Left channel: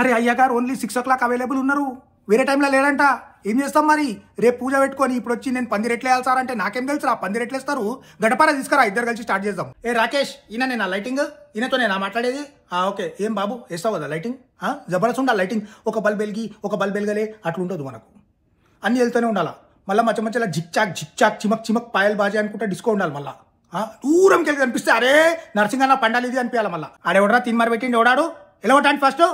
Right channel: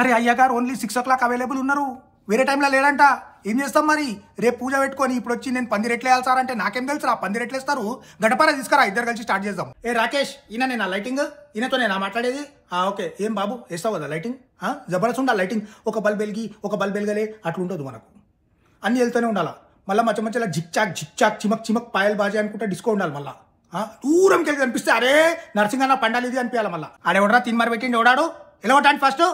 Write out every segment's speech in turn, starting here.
అరే అయ్యగారు only 6 o'clock available ఉన్నారు, వేరే టైంలో లేడంట. ఏం చేస్తాం మరి? రేపు పూజ పెట్టుకొని ఇప్పుడు వచ్చి నేను 10 రెట్లు వేయాలి సార్ అంటే నాకేం తెలుసు? 10 రెట్లు వేస్తారు. గడపారా తీసుకురా, ఇద్దరు కలిసి స్టార్ట్ చేద్దాం. ఏ రాకేష్, ఈయన నేను లైటింగ్, ఈయనతో నేను మాట్లాడేది. ఓకే, ఏం బాబు వేస్తావు కదా లైటింగ్? జబర్దస్త్ ఉండాలి లైటింగ్. ఒక బల్బ్ వెలిగి ఒక బల్బ్ వెలగలే అట్లా ఉంటుంది మనకు. అన్ని వెళ్తూనే ఉండాలి. మళ్ళీ మధ్య మధ్యలో జిక్ చాక్ చిమక్ పాయల్ బాజీ అనుకుంటే డిస్కో ఉండాలి. మళ్ళీ దూరంకి వెళ్ళి కనిపిస్తే అరే నర్సింగ్ పండాలి ఇది అనిపించాలి. మళ్ళీ ఆడెవడరా తిన్మార్ పెట్టిండి ఎవడాడు? ఎలా ఉంటాను ఫస్ట్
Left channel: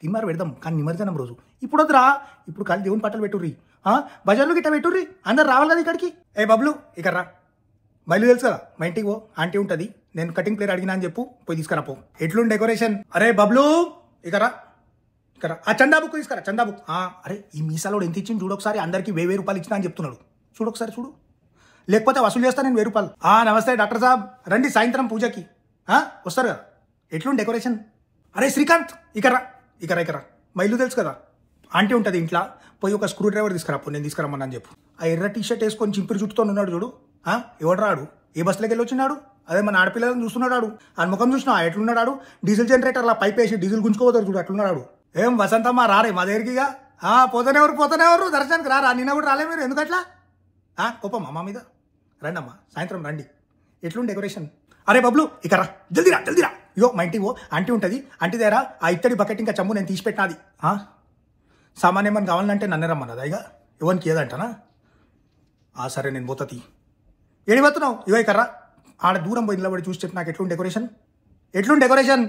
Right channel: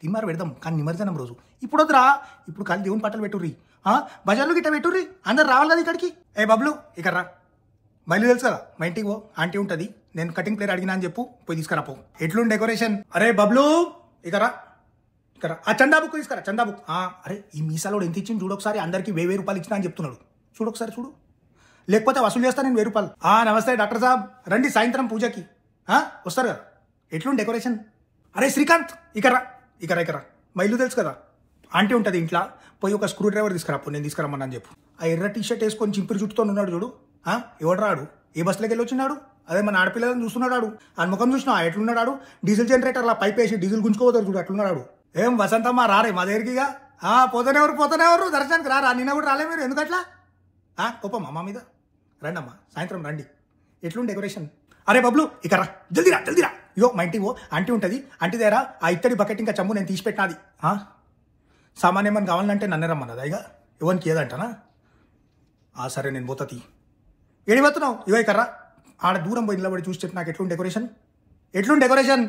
తిన్మార్ పెడదాం, కానీ నిమజ్జనం రోజు. ఇప్పుడు వద్దురా, ఇప్పుడు కానీ దేవుని పట్టలు పెట్టుర్రి, భజనలు గిట్ట పెట్టుర్రి, అందరు రావాలి కదా ఇక్కడికి. ఏ బబ్లు ఇక రా, బయలు తెలుసు కదా మా ఇంటికి పో, ఆంటీ ఉంటుంది. నేను కటింగ్ ప్లేయర్ అడిగినా అని చెప్పు, పోయి తీసుకురా పో. ఎట్లుండి డెకరేషన్? అరే బబ్లు ఇక రా, ఆ చందా బుక్ తీసుకురా, చందా బుక్. అరే ఈ మీసాలో ఎంత ఇచ్చింది చూడు ఒకసారి, అందరికి 1000 రూపాయలు ఇచ్చినా అని చెప్తున్నాడు. చూడు ఒకసారి చూడు, లేకపోతే వసూలు చేస్తా నేను 1000 రూపాయలు. నమస్తే డాక్టర్ సాబ్, రండి సాయంత్రం పూజకి వస్తారుగా. ఎట్లుండి డెకరేషన్? అరే శ్రీకాంత్ ఇక రా, ఇక మా ఇల్లు తెలుసు కదా, ఆంటీ ఉంటుంది ఇంట్లో. పోయి ఒక స్క్రూ డ్రైవర్ తీసుకురా, నేను తీసుకురమ్మని చెప్పు. ఆ ఎర్ర టీషర్ట్ వేసుకొని చింపిరి చుట్టుతో ఉన్నాడు చూడు, ఎవడు రాడు? ఏ బస్సులోకి వెళ్ళి వచ్చినాడు? అదే మన ఆడపిల్లని చూస్తున్నాడు. ఆ ముఖం చూసినా ఎట్లున్నాడు? డీజిల్ జనరేటర్ అలా పైప్ వేసి డీజిల్ గుంజుకోవద్దు చూడు, అట్లున్నాడు. ఏం వసంతమ్మ రారే మా దగ్గరికి? పోతేనే ఎవరు దర్శనానికి రారా? నిన్న కూడా రాలే మీరు, ఎందుకట్లా? కోపం అమ్మ మీద? రండి అమ్మా, సాయంత్రం రండి. ఎట్లుండి డెకరేషన్? అరే బబ్లు ఇక రా, జల్దీరా. ఇగో మా ఇంటికి ఆంటీ ఉంటుంది, ఆంటీ దగ్గర ఆ ఇత్తడి బకెట్ ఇంకా చెంబు నేను తీసి పెట్టాది. సామాన్యం ఏమని కావాలంటే నన్ను రమ్మన్నదా? ఇక ఇవ్వనికి ఏదంటానా? సరే నేను పోతా. ఏడి పోతున్నావు? ఇగో ఇక రా, ఆడ దూరం పోయి నిలబడి చూసి నాకు ఎట్లుండి డెకరేషన్?